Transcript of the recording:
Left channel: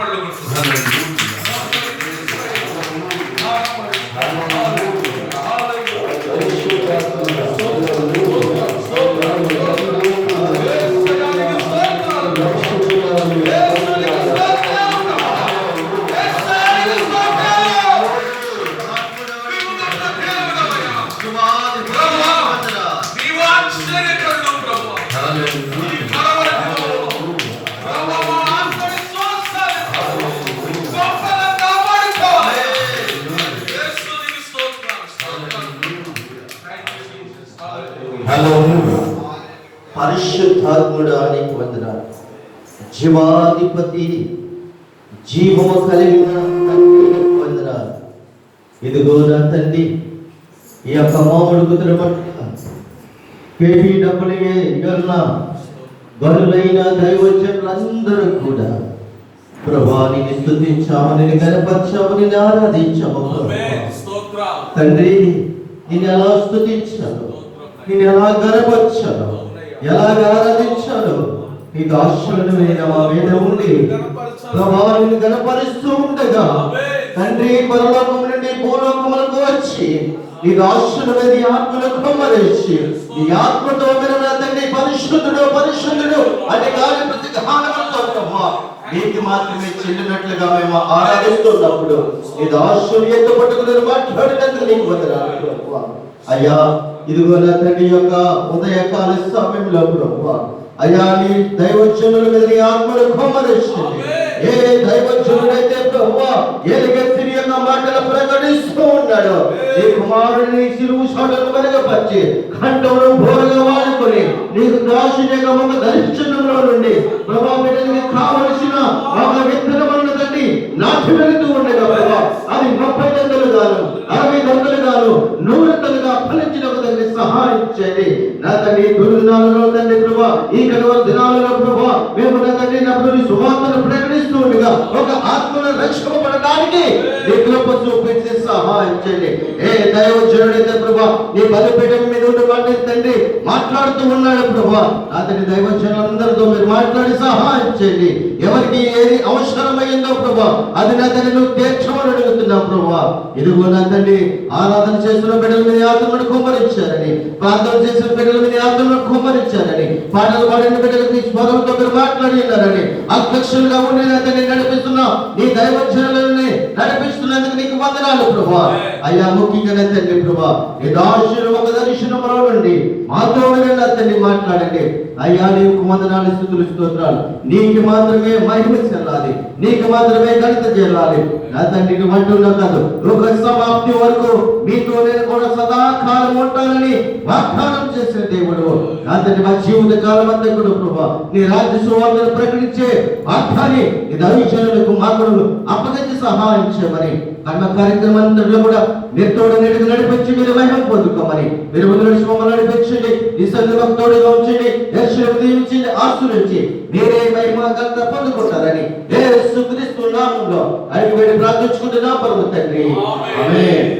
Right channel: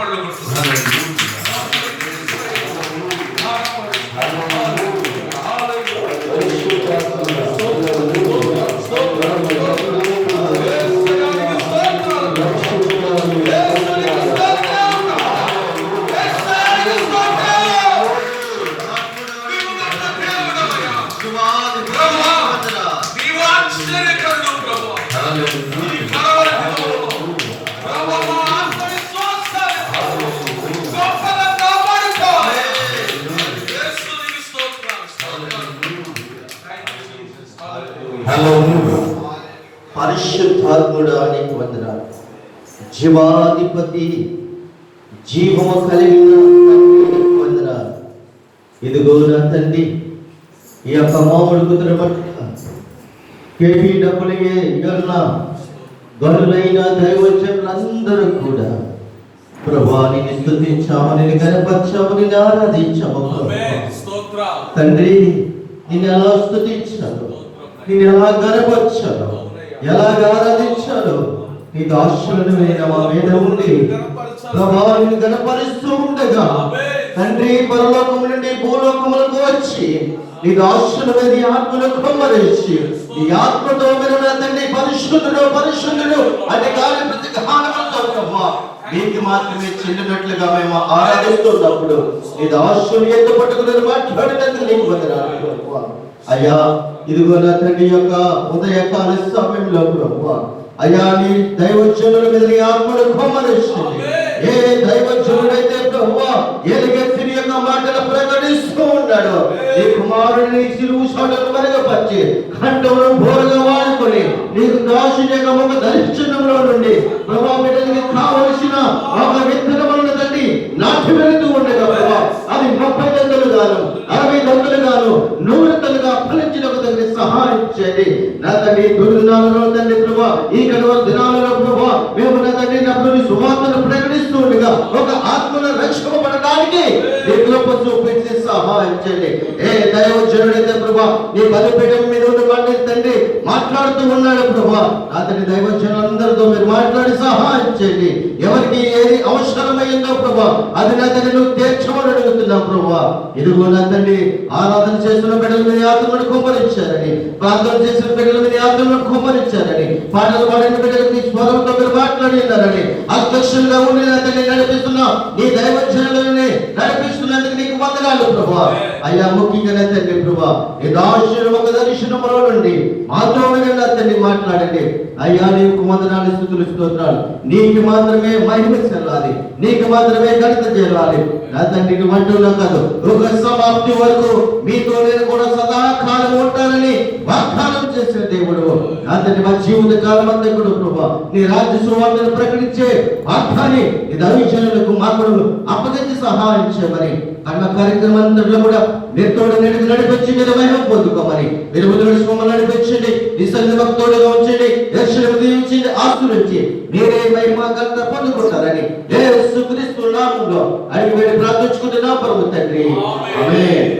చప్పట్లు కొడుతున్నాం. పరిశుద్ధాత్ముడా నీకు వందనాలు. జీవాధిపతి, జీవము కలిగిన తండ్రి నీకు వందనాలు. ఇదిగో నా తండ్రి, ఈ యొక్క మామూలు కుదురు డబ్బులే గనులైన దైవజనులందరూ కూడా ప్రభానికి స్తుతించామని గణపరచామని ఆరాధించాము. తండ్రి, నేను ఎలా స్తుతించాను, నేను ఎలా గణపరచాను, ఎలాగ ఆరాధించాను, నీకు ఆశ్చర్యమైన మా మీద ఉండి ప్రభావాన్ని గణపరుస్తూ ఉండగా తండ్రి పరలోకం నుండి భూలోకములకు వచ్చి నీకు ఆశ్చర్యమైన ఆత్మను కుమ్మరించి ఈ ఆత్మతో మీరు తండ్రి పరిశుద్ధుడు పరిశుద్ధుడు అని గాలి మీకు మాత్రమే చెల్లినట్లుగా మేము ఆరాధిస్తున్నప్పుడు ఇది ఆశ్చర్యంతో పట్టుకుని మాట్లాడినందుకు నీకు వందనాలు. అయ్యా, ఇదిగో నా తండ్రి యొక్క ఉదయకాల సమయంలో ప్రభు అయ్యా నీ దైవజనుల మీద నీ ఆత్మను కుమ్మరించింది. ఏ దైవజనుడైతే ప్రభు ఎలుగెత్తిని యొక్క మాటలు ప్రకటిస్తూ ఉన్నాడు, నీ కుమారుని సిలువు సాటకు వెనకపరిచి కంఠమును బోరగా వాడుకొని నీకు దాసుని యొక్క ముఖ దర్శనంలో నుండి ప్రభా బిడ్డలకి కావలసిన ఒక విత్తనములను తండ్రి నాటి వెళుతూ ఉండగా ప్రభా అది 30 దండలు గాను 60 దండలు గాను 100 దండలుగా ఫలించిన తండ్రి సహాయం చేయండి. నా తండ్రి దుర్దినాలలో తండ్రి ప్రభా ఈ కనువ దినాలలో ప్రభా మేము నా తండ్రి నప్పుడు సువార్తను ప్రకటిస్తూ ఉండగా ఒక ఆత్మను రక్షింపబడడానికి నీకు చూపించి సహాయం చేయండి. ఏ దైవజనుడైతే ప్రభా నీ బలిపీఠం మీద ఉండి తండ్రి మాట్లాడుతూ ఉన్నాడు ప్రభా, అతని దైవజనులందరితో మీరు మాట్లాడి సహాయం చేయండి. ఎవరికి ఏది అవసరమైందో ప్రభా అది నా తండ్రి నువ్వు తీర్చమని అడుగుతున్నావు ప్రభా. ఇదిగో నా తండ్రి ఆరాధన చేస్తున్న బిడ్డల మీద ఆత్మను కుమ్మరించారని, ప్రార్థన చేసిన బిడ్డల మీద ఆత్మను కుమ్మరించారని, పాటలు పాడిన బిడ్డలకి స్వరంతో మీరు మాట్లాడినారని, అధ్యక్షులుగా ఉండి నా తండ్రి నడిపిస్తున్నా నీ దైవజనులని నడిపిస్తున్నందుకు నీకు వందనాలు ప్రభా. అయ్యా ముఖ్యంగా తండ్రి ప్రభా ఈ దాసుని ఒక దర్శనములో నుండి మాతో నా తండ్రి మాట్లాడండి. అయ్యా నీకు వందనాలు స్తుతులు స్తోత్రాలు. నీకు మాత్రమే మహిమ చెల్లాలి, నీకు మాత్రమే ఘనత చెల్లాలి. నా తండ్రికి వంటలో కాదు ఒక సమాప్తి వరకు మీతో నేను కూడా సదాకాలం ఉంటానని వాగ్దానం చేసిన దేవుడు. నా తండ్రి మా జీవిత కాలం అంతా కూడా ప్రభా నీ రాజ్య సువార్తను ప్రకటించే వాగ్దాన్ని నీ దైవజనులకు మాకు అప్పగించి సహాయం చేయమని అన్న కార్యక్రమం అంతట్లో కూడా మీతో నడిపించి మీరు మహిమ పొందుకోమని మీరు మమ్మల్ని నడిపించండి. ఈ సందర్భం తోడుగా ఉంచండి, దీవించండి, ఆస్తులించి మీరే మహిమ ఘనత పొందుకుంటారని యేసుక్రీస్తు నామములో అడిగి ప్రార్థించుకుంటున్నా ప్రభు తండ్రి. ఆమేన్.